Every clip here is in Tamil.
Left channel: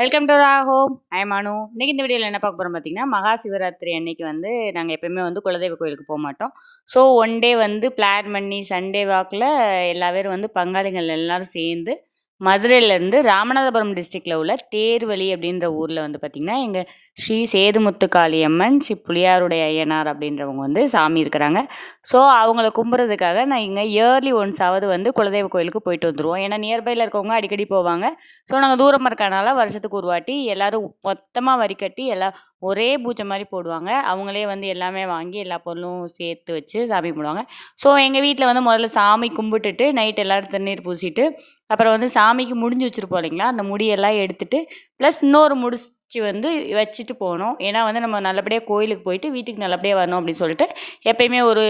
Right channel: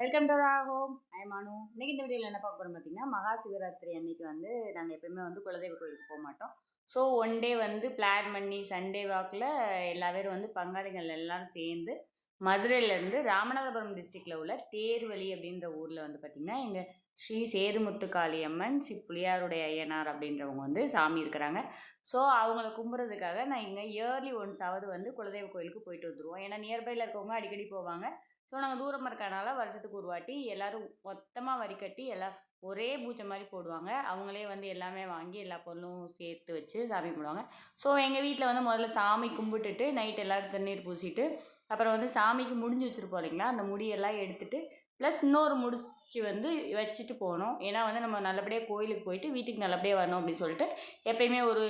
Welcome to Raa home. I am Anu. இன்னைக்கு இந்த வீடியோவில் என்ன பார்க்க போகிறோம் பார்த்தீங்கன்னா, மகா சிவராத்திரி அன்னைக்கு வந்து நாங்கள் எப்பயுமே வந்து குலதெய்வ கோயிலுக்கு போக மாட்டோம். ஸோ ஒன் டே வந்து பிளான் பண்ணி சண்டே வாக்கில் எல்லா பேரும் வந்து பங்காளிகள் எல்லாரும் சேர்ந்து மதுரையிலேருந்து ராமநாதபுரம் டிஸ்ட்ரிக்டில் உள்ள தேர்வழி அப்படின்ற ஊரில் வந்து பார்த்திங்கன்னா, எங்கள் ஸ்ரீ சேதுமுத்து காளியம்மன், ஸ்ரீ புளியாருடைய ஐயனார் அப்படின்றவங்க வந்து சாமி இருக்கிறாங்க. ஸோ அவங்கள கும்பிட்றதுக்காக நான் இங்கே இயர்லி ஒன்ஸாவது வந்து குலதெய்வ கோயிலுக்கு போயிட்டு வந்துடுவோம். ஏன்னா நியர்பையில் இருக்கவங்க அடிக்கடி போவாங்க. ஸோ நாங்கள் தூரமாக இருக்கனால வருஷத்துக்கு ஒரு வாட்டி எல்லோரும் மொத்தமாக வரி கட்டி எல்லாம் ஒரே பூஜை மாதிரி போடுவாங்க. அவங்களே வந்து எல்லாமே வாங்கி எல்லா பொருளும் சேர்த்து வச்சு சாமி கும்பிடுவாங்க. ஸோ எங்கள் வீட்டில் வந்து முதல்ல சாமி கும்பிட்டுட்டு நைட் எல்லோரும் தண்ணீர் பூசிட்டு அப்புறம் வந்து சாமிக்கு முடிஞ்சு வச்சுருப்போம் இல்லைங்களா, அந்த முடியெல்லாம் எடுத்துகிட்டு ப்ளஸ் இன்னொரு முடிச்சு வந்து வச்சுட்டு போகணும். ஏன்னா வந்து நம்ம நல்லபடியாக கோயிலுக்கு போயிட்டு வீட்டுக்கு நல்லபடியாக வரணும் அப்படின்னு சொல்லிட்டு எப்பயுமே ஒரு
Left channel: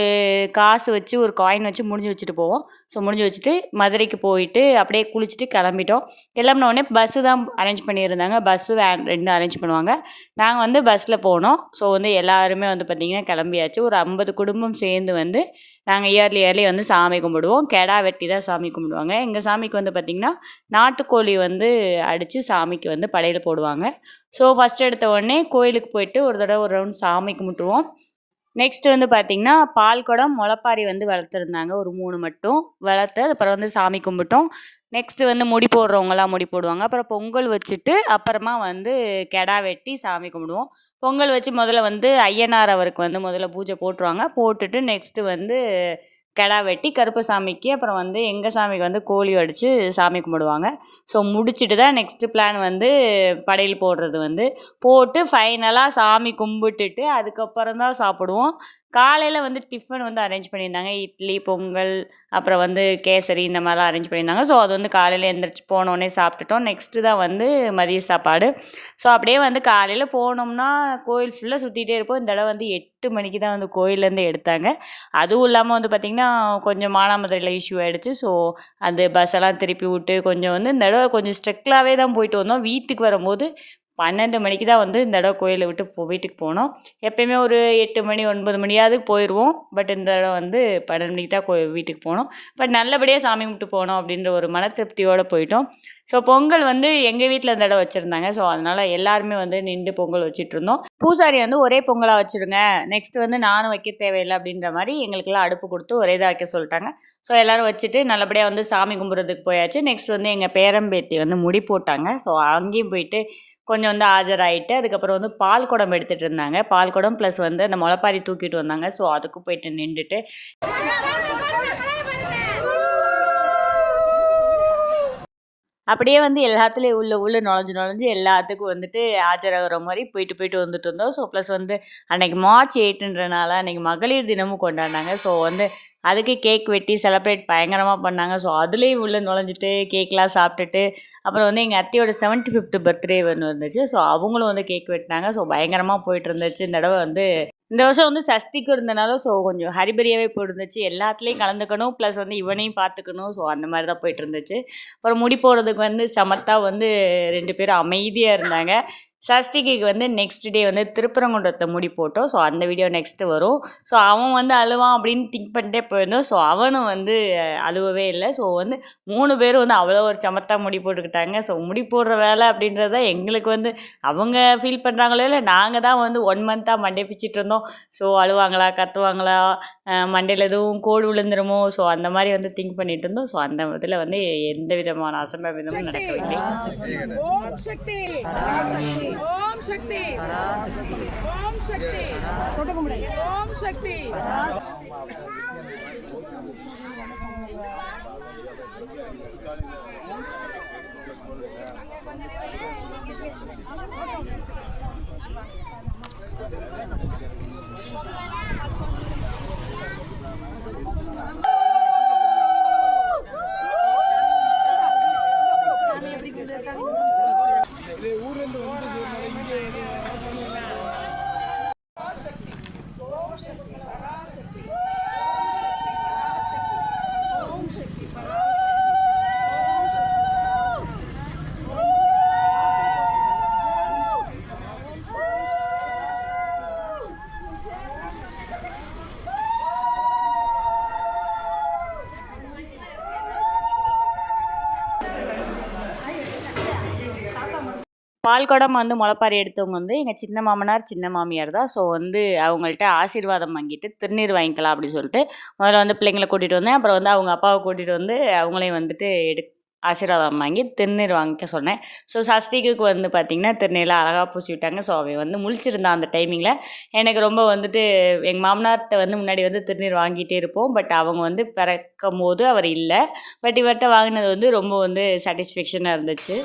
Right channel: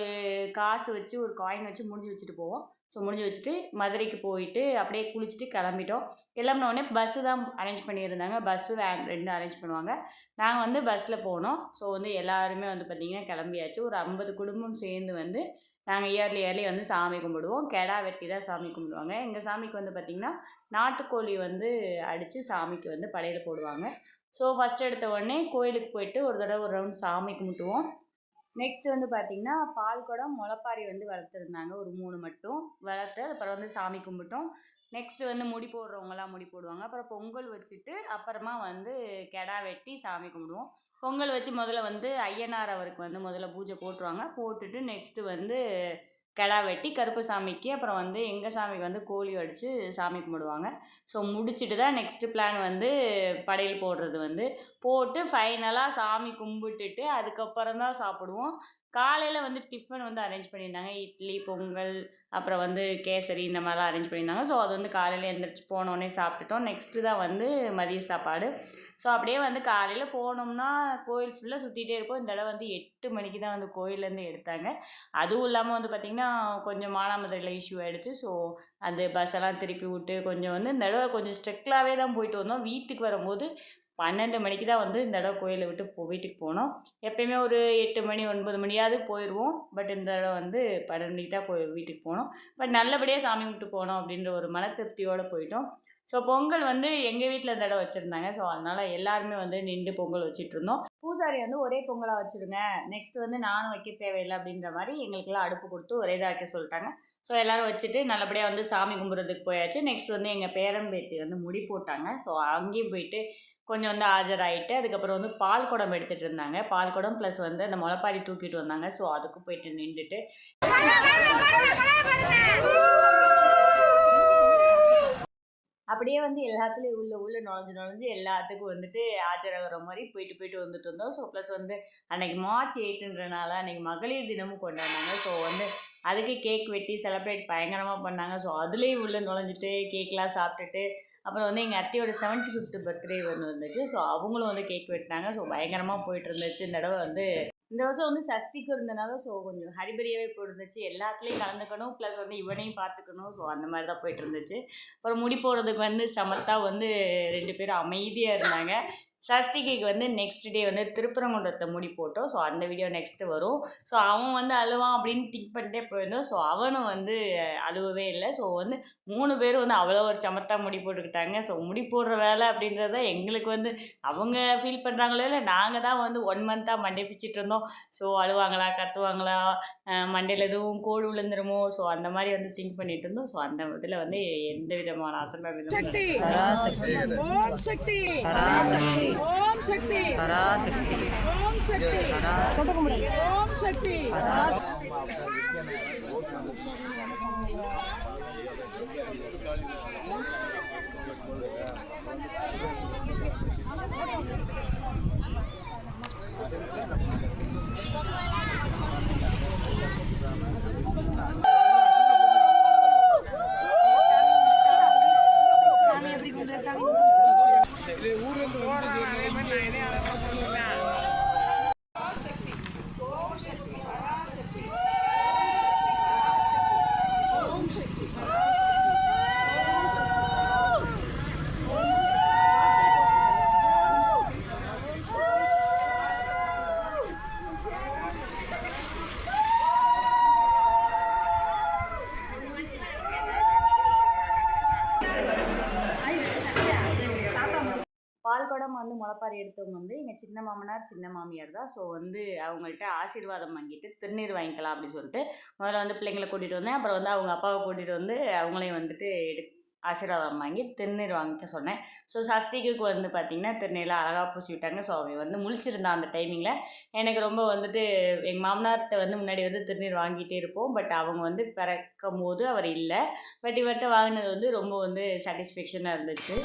காசு வச்சு ஒரு காயின் வச்சு முடிஞ்சு வச்சுட்டு போவோம். ஸோ முடிஞ்சு வச்சுட்டு மதுரைக்கு போயிட்டு அப்படியே குளிச்சுட்டு கிளம்பிட்டோம். கிளம்பினோடனே பஸ்ஸு தான் அரேஞ்ச் பண்ணியிருந்தாங்க. பஸ்ஸு வேன் 2 அரேஞ்ச் பண்ணுவாங்க. நாங்கள் வந்து பஸ்ஸில் போனோம். ஸோ வந்து எல்லாருமே வந்து பார்த்திங்கன்னா கிளம்பியாச்சு. ஒரு 50 குடும்பம் சேர்ந்து வந்து நாங்கள் இயர்லி வந்து சாமி கும்பிடுவோம். கெடா வெட்டி தான் சாமி கும்பிடுவாங்க. எங்கள் சாமிக்கு வந்து பார்த்திங்கன்னா நாட்டுக்கோழி வந்து அடித்து சாமிக்கு வந்து படையல் போடுவாங்க. ஸோ ஃபஸ்ட் எடுத்த உடனே கோயிலுக்கு போயிட்டு ஒரு தடவை ஒரு ரவுண்ட் சாமி கும்பிட்டுருவோம். நெக்ஸ்ட்டு வந்து பார்த்திங்கன்னா பால் குடம் முளைப்பாரி வந்து வளர்த்துருந்தாங்க. ஒரு 3 மட்டும் வளர்த்து அப்புறம் வந்து சாமி கும்பிட்டோம். நெக்ஸ்ட்டு வந்து முடி போடுறவங்களாம் முடி போடுவாங்க. அப்புறம் பொங்கல் வச்சுட்டு அப்புறமா வந்து கெடா வெட்டி சாமி கும்பிடுவோம். பொங்கல் வச்சு முதல்ல வந்து ஐயனார் அவருக்கு வந்து முதல்ல பூஜை போட்டுருவாங்க. போட்டுட்டு நெக்ஸ்ட்டு வந்து கெடா வெட்டி கருப்பசாமிக்கு அப்புறம் வந்து எங்கள் சாமிக்கு வந்து கோழி அடித்து சாமி கும்பிடுவாங்க. ஸோ முடிச்சுட்டு தான் நெக்ஸ்ட்டு பிளான் வந்து படையல் போடுறது வந்து போட்டு ஃபைனலாக சாமி கும்பிட்டுட்டு அதுக்கப்புறம் தான் சாப்பிடுவோம். காலையில் வந்து டிஃபன் வந்து அரேஞ்ச் பண்ணியிருந்தாங்க. இட்லி, பொங்கல், அப்புறம் வந்து கேசரி இந்த மாதிரிலாம் அரேஞ்ச் பண்ணியிருந்தாங்க. ஸோ அது வந்து காலையில் எந்திரிச்சு போனோடனே சாப்பிட்டுட்டோம். நெக்ஸ்ட்டு தான் வந்து மதிய சாப்பாடு. ஸோ அப்படியே வந்து காலையில் போனோம்னா கோயில் ஃபுல்லாக சுற்றிட்டே இருப்போம். இந்த தடவை வந்து 8 மணிக்கு தான் வந்து கோயிலேருந்து எடுத்தாங்க. அதுவும் இல்லாமல் வந்து பார்த்திங்கன்னா கொஞ்சம் மானாமதுரையில் இஷ்யூ ஆகிடுச்சு. ஸோ அந்த பஸ்ஸெல்லாம் திருப்பி விட்டு கொஞ்சம் வந்து இந்த தடவை கொஞ்சம் ஸ்ட்ரிக்டாகவே தான் போயிட்டு வந்தோம். வீட்டுக்கு வரும்போது 12 மணிக்கு தான் வந்து இந்த தடவை கோயிலை விட்டு வீட்டுக்கு போனோம். எப்பயுமே ஒரு 8 மணி 9 மணியாவது போயிடுவோம். பட் இந்த தடவை வந்து 12 மணிக்கு தான் வீட்டுக்கு போனோம். பட் நல்லபடியாக சாமி கும்பிட்டு போனோம் அப்படின்ற ஒரு மன திருப்தியோடு போயிட்டோம். ஸோ பொங்கல் வந்து எங்கள் வீட்டில் இந்த தடவை வச்சுருந்தாங்க. ஸோ அதனால் எல்லாருமே வந்து நின்று பொங்கல் வச்சுட்ருந்தோம். பூசாரி வந்து ஒரே பொங்கலாக வச்சுருங்க, நெக்ஸ்ட் வந்து நானும் வைக்க தேவையில்லை அப்படின்ற மாதிரி எங்களுக்கெல்லாம் அடுப்பு கொடுத்து ஒரே இதாக வைக்க சொல்லிட்டாங்க. ஸோ எல்லோரும் வச்சுட்டு நல்லபடியாக வந்து சாமி கும்பிட்றதுக்கு போயாச்சு. நெக்ஸ்ட் வந்து எங்கள் பேரம்பேத்தி வந்து முடி போட்டாங்க. ஸோ அங்கேயும் போயிட்டு கொஞ்சம் வந்து ஆஜராகிட்டு அதுக்கப்புறம் வந்து பால் குடம் எடுத்துகிட்டு இருந்தாங்க. பால் குடம் ப்ளஸ் வந்து அந்த முளைப்பாரி தூக்கிட்டு வந்தாங்க. ஸோ அதுக்கு போயிட்டு நின்றுட்டு அப்படியே வந்து எல்லாத்துலேயும் உள்ள நுழைஞ்சு எல்லாத்துக்கும் வந்துட்டு ஆஜராகிற மாதிரி போயிட்டு வந்துட்டு இருந்தோம். ஸோ ப்ளஸ் வந்து அன்றைக்கி மார்ச் 8ன்றனால அன்றைக்கி மகளிர் தினமும் கொண்டாடினாங்க. ஸோ வந்து அதுக்கு கேக் வெட்டி செலிப்ரேட் பயங்கரமாக பண்ணாங்க. ஸோ அதுலேயும் உள்ளே நுழைஞ்சிட்டு கேக்லாம் சாப்பிட்டுட்டு அப்புறம் வந்து எங்கள் அத்தையோட 75th பர்த்டே ஒன்று இருந்துச்சு. ஸோ அவங்களும் வந்து கேக் வெட்டினாங்க. ஸோ பயங்கரமாக போயிட்டு இருந்துச்சு. இந்த தடவை வந்து இந்த வருஷம் வந்து சஷ்டிக்கும் இருந்தனால ஸோ கொஞ்சம் ஹரிபரியாகவே போயிருந்துச்சு. எல்லாத்துலேயும் கலந்துக்கணும் ப்ளஸ் வந்து இவனையும் பார்த்துக்கணும். ஸோ அந்த மாதிரி தான் போயிட்டு இருந்துச்சு. அப்புறம் முடி போடுறதுக்கு வந்து சமத்தா வந்து 2 பேரும் அமைதியாக இருந்தாங்க. சஷ்டிக்கு வந்து நெக்ஸ்ட் டே வந்து திருப்பரங்குன்றத்தை முடி போட்டோம். ஸோ அந்த வீடியோ நெக்ஸ்ட்டு வரும். ஸோ அவன் வந்து அழுவான் அப்படின்னு திங்க் பண்ணிட்டே போயிருந்தோம். ஸோ அவனும் வந்து அழுவவே இல்லை. ஸோ வந்து 3 பேரும் வந்து அவ்வளோ ஒரு சமத்தா முடி போட்டுக்கிட்டாங்க. ஸோ முடி போடுற வேலை அப்படின்றது தான் எங்களுக்கு வந்து அவங்க ஃபீல் பண்ணுறாங்களோ இல்லை, நாங்கள் தான் வந்து 1 மந்த்தாக மண்டை பிச்சுட்டு இருந்தோம். ஸோ அழுவாங்களா, கத்துவாங்களா, மண்டையில் எதுவும் கோடு விழுந்துருமோ, ஸோ அந்த மாதிரி வந்து திங்க் பண்ணிட்டு இருந்தோம். ஸோ அந்த இதில் வந்து எந்த விதமான அசம்பாவிதமும் நடக்கவில்லை. ஓம் சக்தி ஓம் சக்தி பராசக்தி ஓம் சக்தி ஓம் சக்தி பால் குடம் வந்து முளைப்பாரி எடுத்தவங்க வந்து எங்கள் சின்ன மாமனார் சின்ன மாமியார் தான். ஸோ வந்து அவங்கள்ட்ட ஆசீர்வாதம் வாங்கிட்டு திருநீர் வாங்கிக்கலாம் அப்படின்னு சொல்லிட்டு முதல்ல வந்து பிள்ளைங்கள கூட்டிகிட்டு வந்தேன். அப்புறம் வந்து அவங்க அப்பாவை கூட்டிகிட்டு வந்து அவங்களையும் வந்துட்டு ஆசீர்வாதம் வாங்கி திருநீர் வாங்கிக்க சொன்னேன். ஸோ சஷ்டிக்கு வந்து பார்த்திங்கன்னா திருநீர்லாம் அழகாக பூசி விட்டாங்க. ஸோ அவன் வந்து முழிச்சிருந்தான் அந்த டைமிங்கில். எனக்கு ரொம்ப வந்துட்டு எங்கள் மாமனார்கிட்ட வந்து முன்னாடி வந்து திருநீர் வாங்கிட்டே இருப்போம். பட் அவங்க வந்து பிறக்கும்போது அவர் இல்லை. பட் இவர்கிட்ட வாங்கினது வந்து ரொம்ப வந்து சாட்டிஸ்ஃபேக்ஷனாக இருந்துச்சு.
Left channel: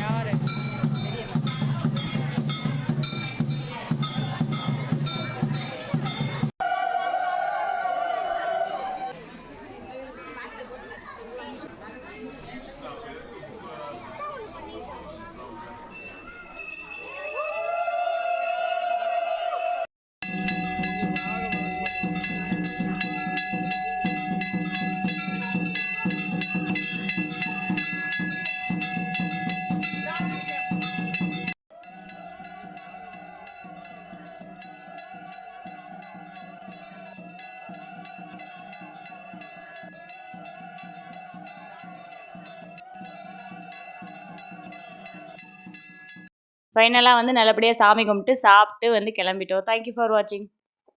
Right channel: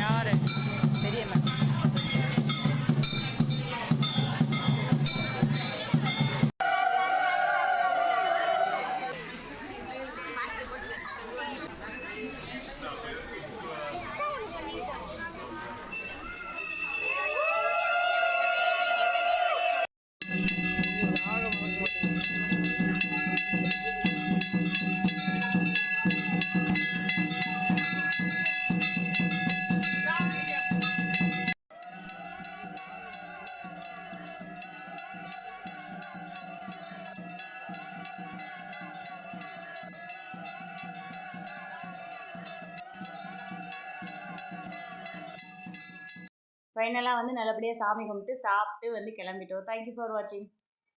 யாரு பெரியம்மா ஃபைனலாக வந்து நல்லபடியாக சாமி கும்பிட்டு சாப்பிட்டு வந்து கிளம்பிட்டோம். தேங்க்யூ ஃபார் வாட்சிங்.